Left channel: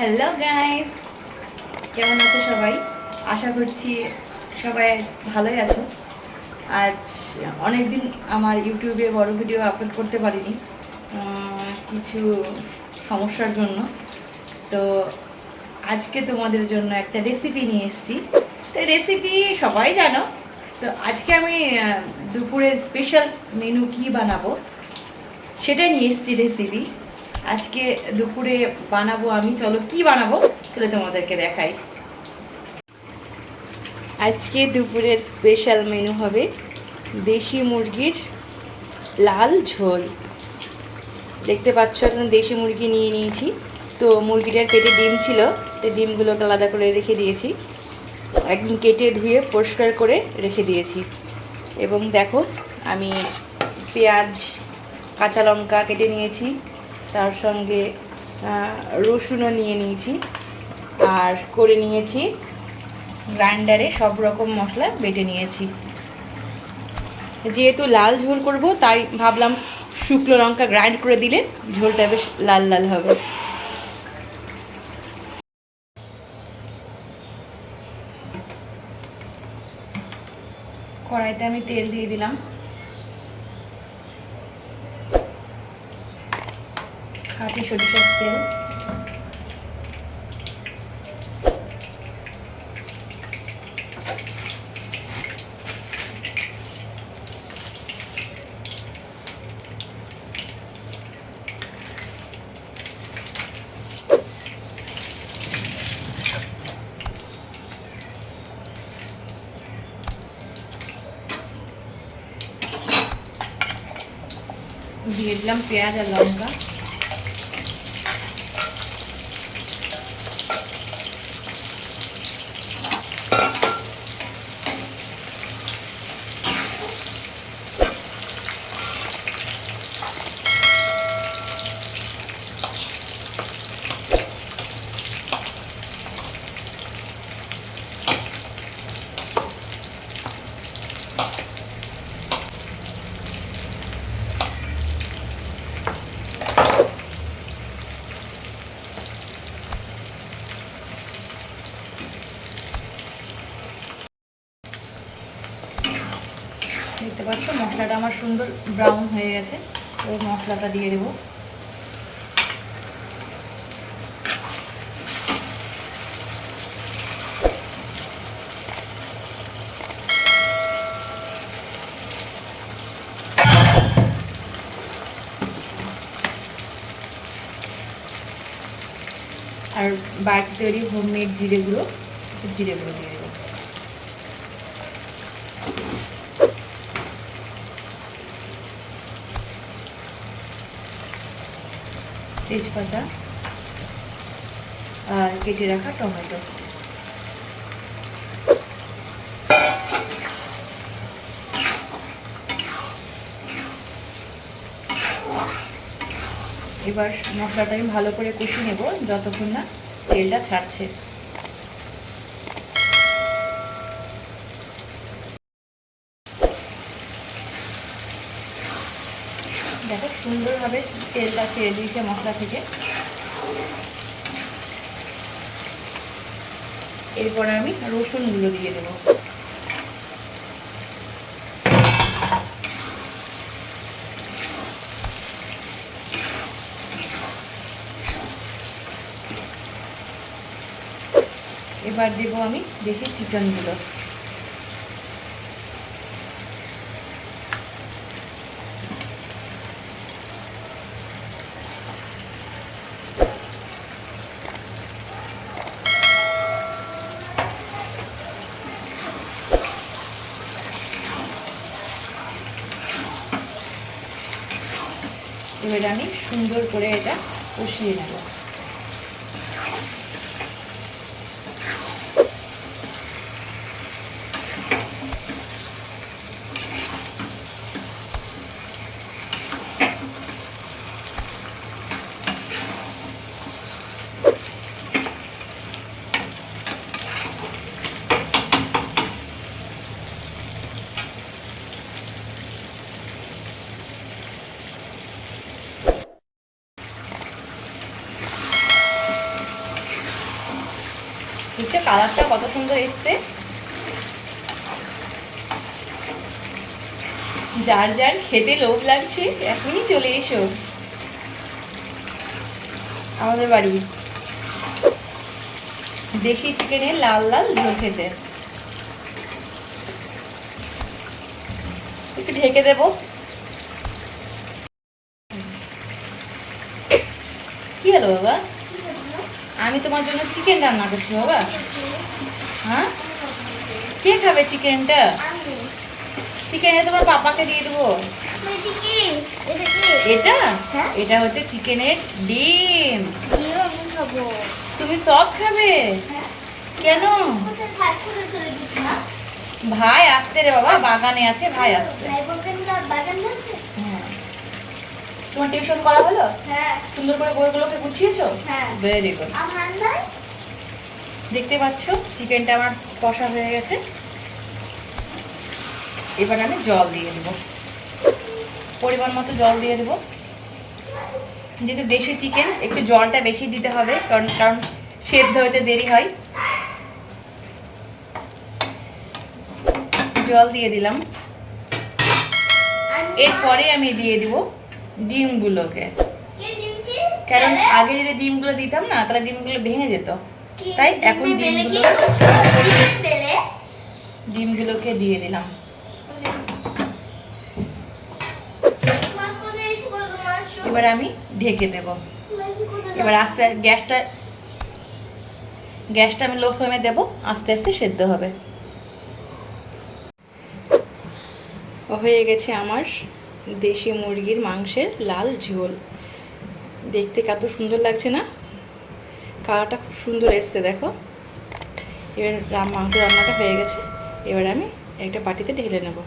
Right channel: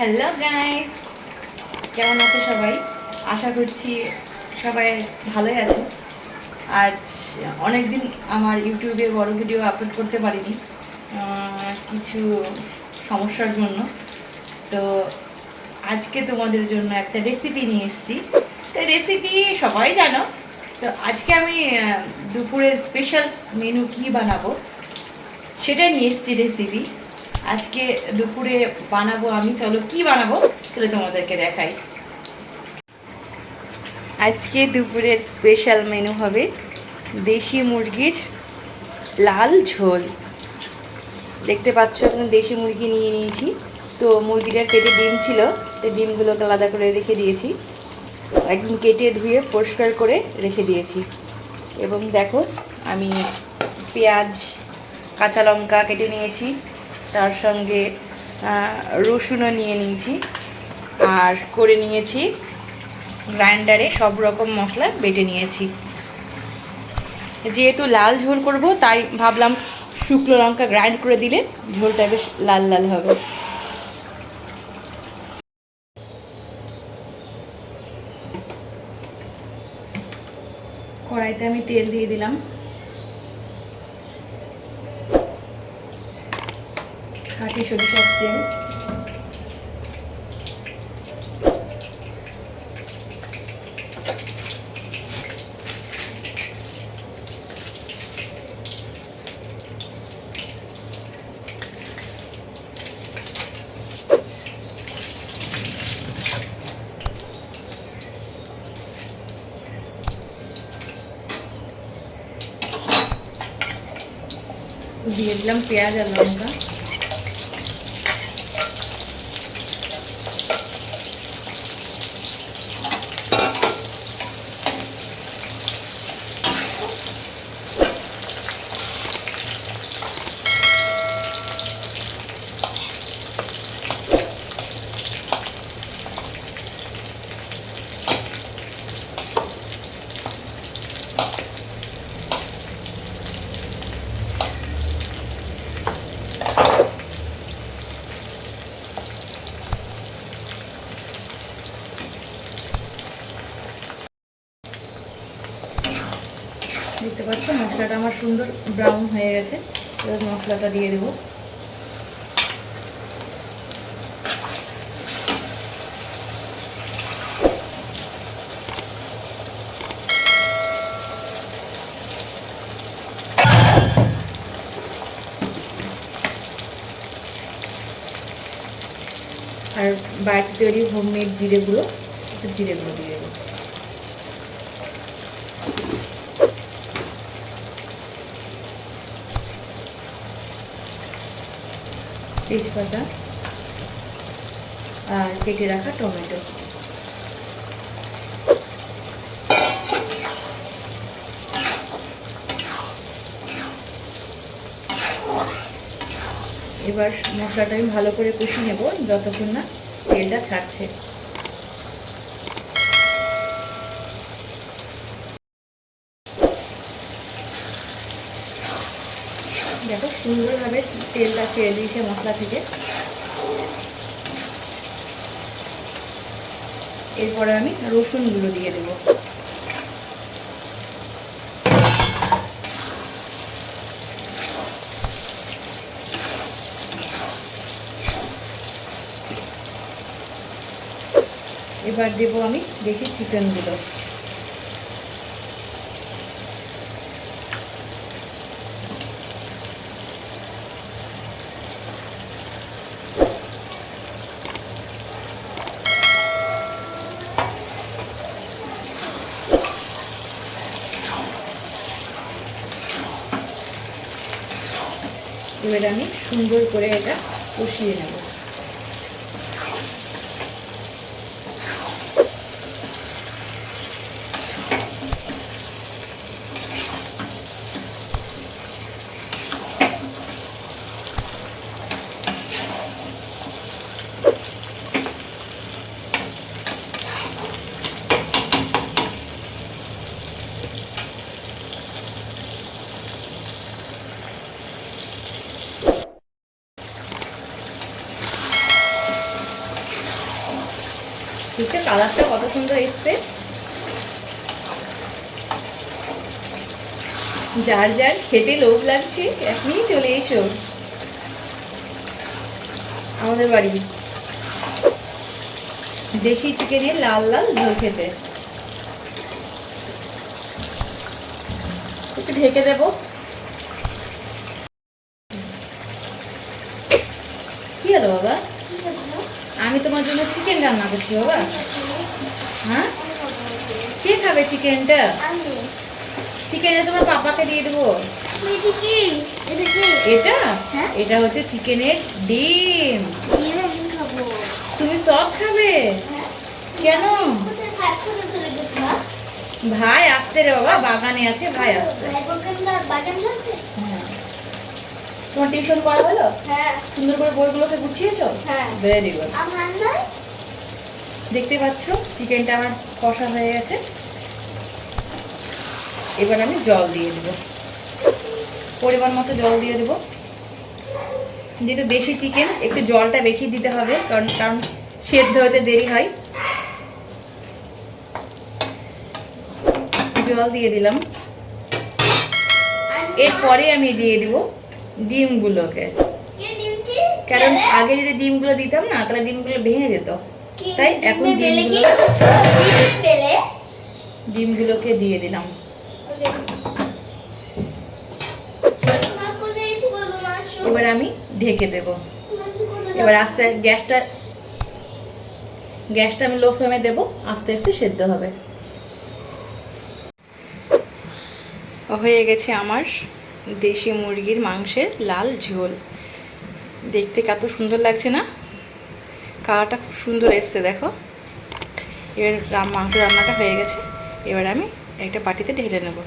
Hello guys কেমন আছো সবাই? আশা করছি সবাই ভালোই আছো। আজ অনেক দিন আমার ইউটিউবে বড় ভিডিও আপলোড করতে পারিনি কিছু সমস্যার জন্য। তো আজকে তোমাদের জন্য একটা রেসিপি নিয়ে এসেছি। তো রেসিপি সবাই জানো। তো আজকে আমি দুপুরের স্পেশাল মেনু কি বানাবো, সেটা নিয়ে এসেছি রেসিপি আজকে দুপুরে বানাবো আমি। চলো, কি বানাবো? চলো তোমাদেরকে দেখাই। আজকে দুপুরের স্পেশাল মেনু হবে দেশি মুরগির লাল ঝোল। দেখতে পাচ্ছ, এখন দেশি মুরগি নিয়ে নিয়েছি। তো মুরগিটার পেটে ডিম ছিল, তো ডিমগুলোকে আলাদা করে রেখে দিয়েছি। একদিন কেটে ধুয়ে পরিষ্কার করে রেখে দিয়েছি। এবং দেখো, আমি পেঁয়াজ, কাঁচা লঙ্কা কেটে নিয়েছি। তার সঙ্গে রসুনও নিয়ে নিয়েছি। আর করে নিয়েছি গ্রাইন্ডারে সব রকম মশলা বেটে নিয়েছি। যেহেতু লাল ঝোল করব, তাই ভাবলাম শুকনো লঙ্কা গ্রাইন্ড করে দিলে ঝোলটা বেশ লাল লাল হবে। কড়াইতে আমি তেল দিয়ে দিলাম। সরিষার তেল দিয়ে দিলাম পেঁয়াজ আর লঙ্কা দেখতে পাচ্ছ মশলাটা আমার সুন্দর ব্রাউন হয়ে গেছে। এবার মশলাটা দিয়ে দেবো। আর বাড়িতে তৈরি হোমমেড জিরেগুলো জিরেগুলো দিয়ে দেবো তেজপাতা আর কেটে রাখা টমেটো। এবার মশলাটা আমি ভালো করে কষে নেব, যতক্ষণ না তেলটা ছাড়ছে। দেখো সুন্দরভাবে তেলটা ছেড়ে দিয়েছে মশলা থেকে। এরপরে আমি রসুনগুলো দিয়ে দেবো। এবার দেবো আমি দেখি চিকেন চিকেনগুলো এবার আমি সুন্দর করে এটা কষিয়ে নেব। কালারটা কত সুন্দর এসছে। যার যার খেতে লোভ লাগছে, এখনই চলে এসো। আমাদের বাড়ি। দেশি চিকেনের লাল লাল ঝোল খেতে। একটু ঢেকে দেবো। কি হলো বাবা? আমি তোমার জন্য চিকেন রান্না করছি বাবা। হ্যাঁ? কে খাবে চিকেনটা চিকেনে তোমার পাপাকে দিয়ে দেবো। এটা হ্যাঁ। এটা হচ্ছে চিকেনের ডিম। তুমি সব খাবে? কেন? ভাই আসতে রে বাবা বাগানে আছে ভাই আসছে। হ্যাঁ। তোমার টিউশন করা হলো? সুন্দর করে বইগুলোকে গুছিয়েছো? হ্যাঁ। ভেরি গুড দেখতে পাচ্ছ চিকেনটা আমার কষা হয়ে গেছে। এবার আমি জল দিয়ে দেবো। পরিমাণ মতো জল দিয়ে দেবো। যেহেতু দেশি চিকেন একটু জলটা বেশি দিতে হবে কারণ কারণ সেদ্ধ হতে দেরি হয়। জল দিয়ে দিলাম। এরপরে আমি দিয়ে দিব ডিমগুলোকে। কারণ আগে যদি ডিমগুলো দিতাম না তাহলে ডিমগুলো ভেঙে যেত। তাই এখন ডিমগুলো ডিমগুলোকে দিয়ে দিলাম। এবার আমি ঢেকে দেব। এবার আস্তে গ্যাসটা গ্যাসটা আমি লো ফ্লেমে দেবো আস্তে আস্তে সেদ্ধ হবে। হয়ে গেছে আমার দেশি মুরগির মাংসের লাল ঝোল। দেখতে কত সুন্দর লাগছে না? কালারটা খুব সুন্দর এসছে, দেখো। এবার মাংস রান্নাটা হয়ে গেছে। এবার আমি একটা বাটিতে ঢেলে নেব।